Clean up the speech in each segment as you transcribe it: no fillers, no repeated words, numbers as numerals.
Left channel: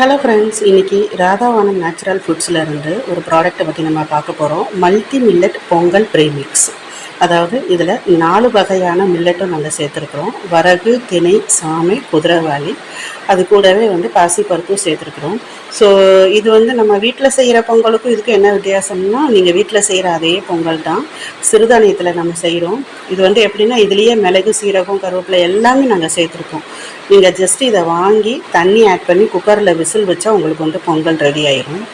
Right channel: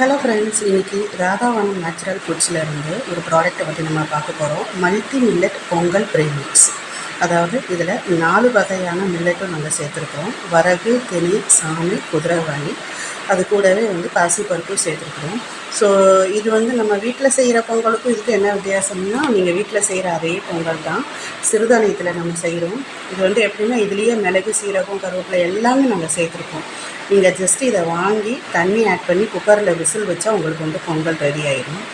Hello friends, இன்றைக்கி ராதாவானம் natural ஃபுட்ஸில் இருந்து ஒரு ப்ராடக்ட்டை பற்றி நம்ம பார்க்க போகிறோம். Multi millet Pongal premix. அதாவது இதில் 4 வகையான மில்லட்டும் நாங்கள் சேர்த்துருக்குறோம். வரகு, திணை, சாமை, குதிரைவாலி, அது கூடவே பாசிப்பருப்பும் சேர்த்துருக்குறோம். ஸோ இது நம்ம வீட்டில் செய்கிற பொங்கலுக்கும் இதுக்கும் என்ன வித்தியாசம்னா, நீங்கள் வீட்டில் செய்கிற அதே பொங்கல் தான், சிறுதானியத்தில் நம்ம செய்கிறோம். இது எப்படின்னா, இதுலேயே மிளகு, சீரகம், கருவேப்பிலை எல்லாமே நாங்கள் சேர்த்துருக்கோம். நீங்கள் ஜஸ்ட் இதை வாங்கி தண்ணி ஆட் பண்ணி குக்கரில் விசில் வச்சா உங்களுக்கு பொங்கல் ரெடி ஆயிடும்.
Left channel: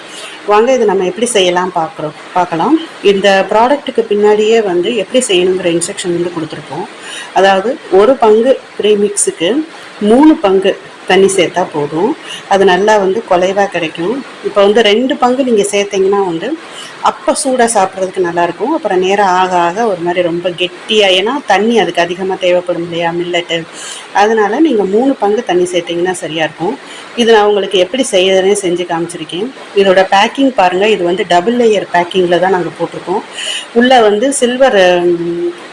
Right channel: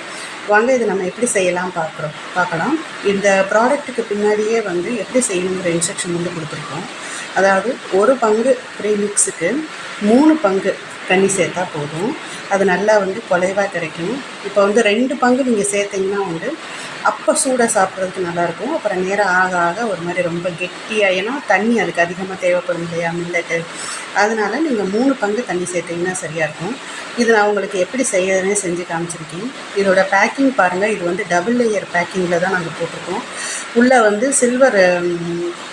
வாங்க இது நம்ம எப்படி செய்யலாம் பார்க்கலாம். இந்த ப்ராடக்ட்டுக்கு பின்னாடியே எப்படி செய்யணுங்கிற இன்ஸ்ட்ரக்ஷன் கொடுத்துருக்கோம். அதாவது ஒரு பங்கு ப்ரீமிக்ஸுக்கு 3 பங்கு தண்ணி சேர்த்தா போதும். அது நல்லா குலைவாக கிடைக்கும். இப்போ 2 பங்கு நீங்கள் சேர்த்திங்கன்னா அப்போ சூடாக சாப்பிட்றதுக்கு நல்லாயிருக்கும். அப்புறம் நேரம் ஆக ஆக ஒரு மாதிரி ரொம்ப கெட்டியாக, ஏன்னா தண்ணி அதுக்கு அதிகமாக தேவைப்படும் இல்லையா மில்லட்டு. அதனால் நீங்கள் 3 பங்கு தண்ணி சேர்த்திங்கன்னா சரியாக இருக்கும். இது நான் உங்களுக்கு எப்படி செய்யறதுனே செஞ்சு காமிச்சிருக்கேன். இதோட பேக்கிங் பாருங்கள். இது டபுள் லேயர் பேக்கிங்கில் தான் நாங்கள் போட்டிருக்கோம். உள்ளே சில்வர்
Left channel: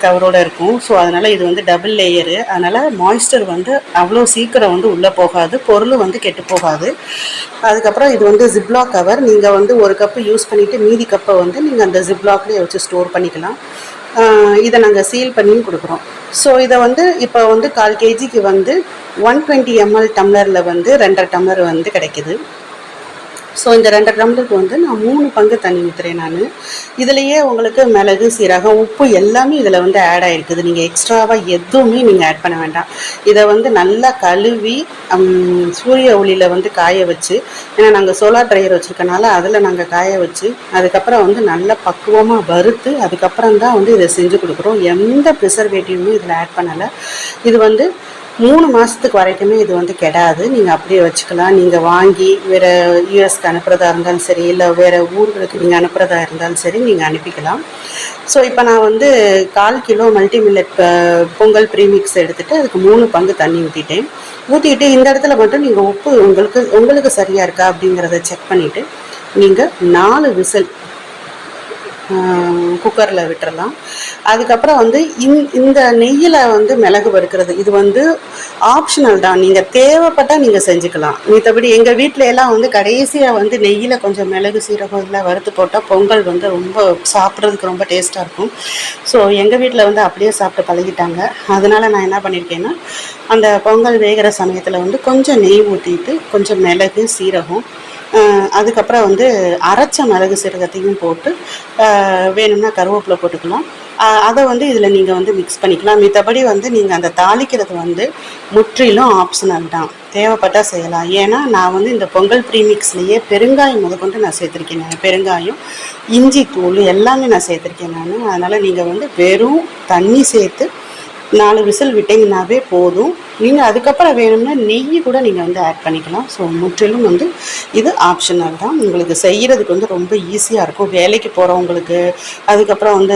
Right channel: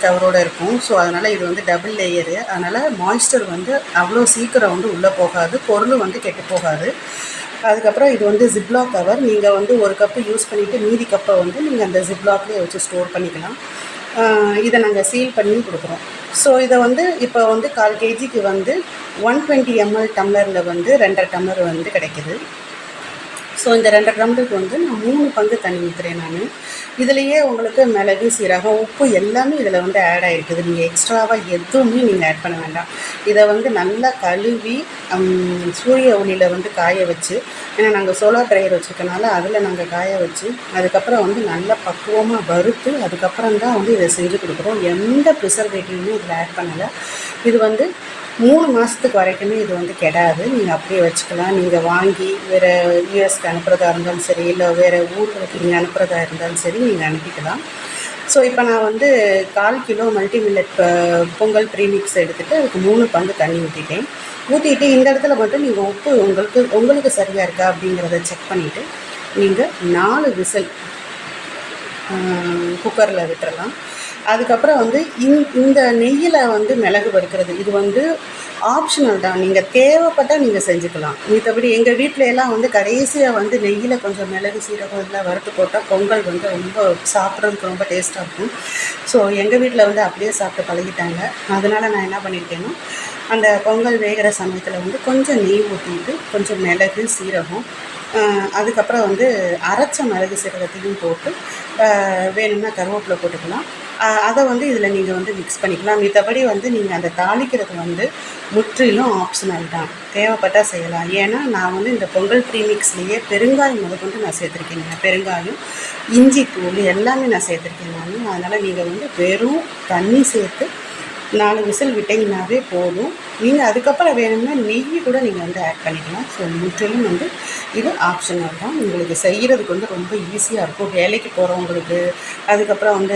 கவரோடு இருக்கும். ஸோ அதனால் இது டபுள் லேயரு. அதனால் மாய்ஸ்டர் அவ்வளோ சீக்கிரம் உள்ளே போகாது, பொருள் கெட்டு போகாது. அதுக்கப்புறம் இது ஜிப்லாக் கவர். நீங்கள் ஒரு கப்பு யூஸ் பண்ணிவிட்டு மீதி கப்பை நீங்கள் அந்த ஜிப்லாக்லேயே வச்சு ஸ்டோர் பண்ணிக்கலாம். இதை நாங்கள் சீல் பண்ணியும் கொடுக்குறோம். ஸோ இதை இப்போ 1/4 kgக்கு 120 ml டம்ளரில் 2.5 டம்ளர் கிடைக்கிது. ஸோ இந்த 2 டம்ளருக்கு நான் 3 பங்கு தண்ணி ஊற்றுறேன். நான் இதுலேயே உங்களுக்கு மிளகு, சீரகம், உப்பு எல்லாமே இதில் ஆட் ஆகிருக்குது. நீங்கள் எக்ஸ்ட்ராவாக எதுவுமே நீங்கள் ஆட் பண்ண வேண்டாம். இதை நல்லா கழுவி சூரிய ஒளியில் காய வச்சு, ஏன்னா நாங்கள் சோலார் ட்ரையர் வச்சுருக்கனால அதில் நாங்கள் காய வச்சு, அதுக்கப்புறம் நல்லா பக்குவமாக வறுத்து, அதுக்கப்புறம் தான் இதை செஞ்சு கொடுக்குறோம். எந்த ப்ரிசர்வேட்டிவுமே இதில் ஆட் பண்ணலை. இது 3 மாதத்துக்கு வரைக்குமே இது கெடாது. நீங்கள் அப்படியே வச்சுக்கலாம். நீங்கள் வாங்கி வேறு யூஎஸ்க்கு அனுப்புகிறதா இருந்தாலும் சரி, இல்லை வேறு ஊர்களுக்கு நீங்கள் அனுப்புகிறதா இருந்தாலும் சரி, நீங்கள் அனுப்பிக்கலாம். ஸோ இப்போ நான் 1/4 kilo multi millet Pongal premix எடுத்துகிட்டு அதுக்கு 3 பங்கு தண்ணி ஊற்றிட்டு இந்த இடத்துல மட்டும் நீங்கள் உப்பு உங்களுக்கு சரியாக இருக்கா அப்படிங்கிறத செக் பண்ணிவிட்டு நீங்கள் 4 விசில் குக்கரில் விட்டுறலாம். அதுக்கப்புறம் இந்த நெய்யில் மிளகு வறுக்கிறது இது ஆப்ஷனல் தான். நீங்கள் தேவைப்பட்டால் நீங்கள் செஞ்சுக்கலாம். மற்றபடி எங்கள் வீட்டில எல்லாம் கடைசியாக நெய்யில் கொஞ்சம் மிளகு, சீரகம் இதெல்லாம் வறுத்து போட்டால் பொங்கல் ரொம்ப சாப்பிட்றதுக்கு ரொம்ப டேஸ்ட்டாக இருக்கும். ஸோ எங்கள் வீட்டில் அப்படியே சாப்பிட்டு பழகிட்டாங்க. அதனால் நான் என்ன பண்ணியிருக்கேன்னா, அந்த பொங்கல் வேகிற சமயத்தில் கொஞ்சம் நெய் ஊற்றிட்டு கொஞ்சம் மிளகு, சீரகம், அதுக்கப்புறம் அரைச்ச மிளகு சீரகத்தையும் போட்டு வேணும்னா கருவேப்பிலை போட்டுக்கலாம். அதை இதில் நீங்கள் மிக்ஸ் பண்ணிக்கலாம். மற்றபடி நீங்கள் அந்த தாளிக்கிறது முற்றிலும் ஆப்ஷனல் தான். தேவைப்பட்டால் செய்யலாம். ஏன்னா நான் இந்த பொங்கல் ப்ரீமிக்ஸ்லேயே பெருங்காயம் முதற்கொண்டு நான் சேர்த்துருக்கேன். பெருங்காயம், இஞ்சி தூள் எல்லாமே நான் சேர்த்துருக்கேன் நான். அதனால் நீங்கள் வெறும் தண்ணி சேர்த்து 4 விசில் விட்டிங்கனாவே போதும். நீங்கள் அதுக்கப்புறம் வேணும்னா நெய் கூட நீங்கள் ஆட் பண்ணிக்கலாம். ஸோ முற்றிலும் இது ஆப்ஷனல் தான். உங்களுக்கு செய்கிறதுக்கு ரொம்ப ஈஸியாக இருக்கும். வேலைக்கு போகிறவங்களுக்கு, அதுக்கப்புறம்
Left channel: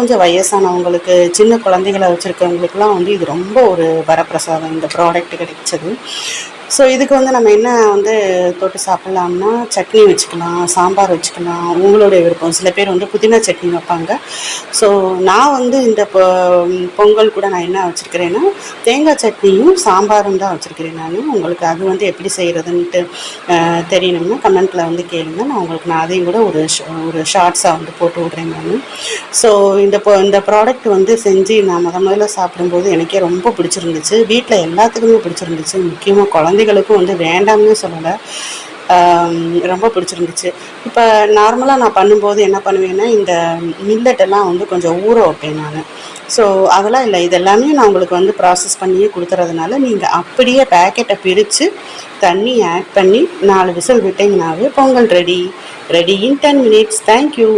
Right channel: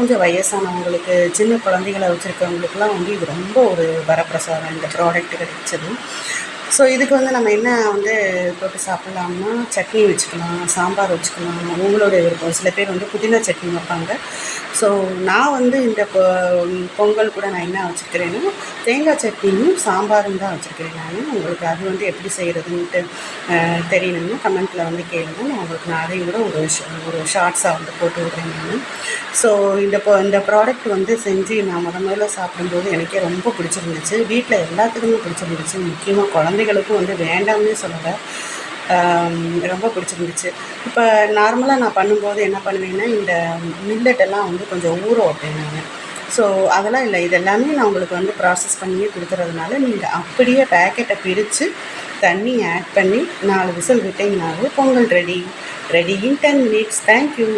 கொஞ்சம் வயசானவங்களுக்கு, சின்ன குழந்தைகளை வச்சுருக்கவங்களுக்குலாம் இது ரொம்ப ஒரு வரப்பிரசாதம் இந்த ப்ராடக்ட் கிடைச்சது. ஸோ இதுக்கு நம்ம என்ன தொட்டு சாப்பிட்லாம்னா, சட்னி வச்சுக்கலாம், சாம்பார் வச்சுக்கலாம், உங்களுடைய விருப்பம். சில பேர் புதினா சட்னி வைப்பாங்க. ஸோ நான் இந்த பொங்கல் கூட நான் என்ன வச்சுருக்கிறேன்னா, தேங்காய் சட்னியும் சாம்பாரும் தான் வச்சுருக்கிறேன் நான். உங்களுக்கு அது எப்படி செய்கிறதுன்ட்டு தெரியணும்னா கமெண்ட்டில் கேளுங்க. நான் உங்களுக்கு அதையும் கூட ஒரு ஷார்ட்ஸாக போட்டு விட்றேன் நான். ஸோ இந்த ப்ராடக்ட் செஞ்சு நான் முதல்ல சாப்பிடும்போது எனக்கே ரொம்ப பிடிச்சிருந்துச்சு. வீட்டில் எல்லாத்துக்குமே பிடிச்சிருந்துச்சு. முக்கியமாக குழந்தைகளுக்கும் வேண்டாம்னு சொல்லலை, ரொம்ப பிடிச்சிருந்துச்சு. இப்போ நார்மலாக நான் பண்ணும்போது என்ன பண்ணுவேன்னா, இந்த மில்லட்டெல்லாம் கொஞ்சம் ஊற வைப்பேன் நான். ஸோ அதெல்லாம் இல்லை, இதெல்லாமே நான் உங்களுக்கு ப்ராசஸ் பண்ணியே கொடுத்துறதுனால நீங்கள் அப்படியே பேக்கெட்டை பிரித்து தண்ணி ஆட் பண்ணி 4 விசில் விட்டிங்கனாவே Pongal ready in 10 minutes. Thank you.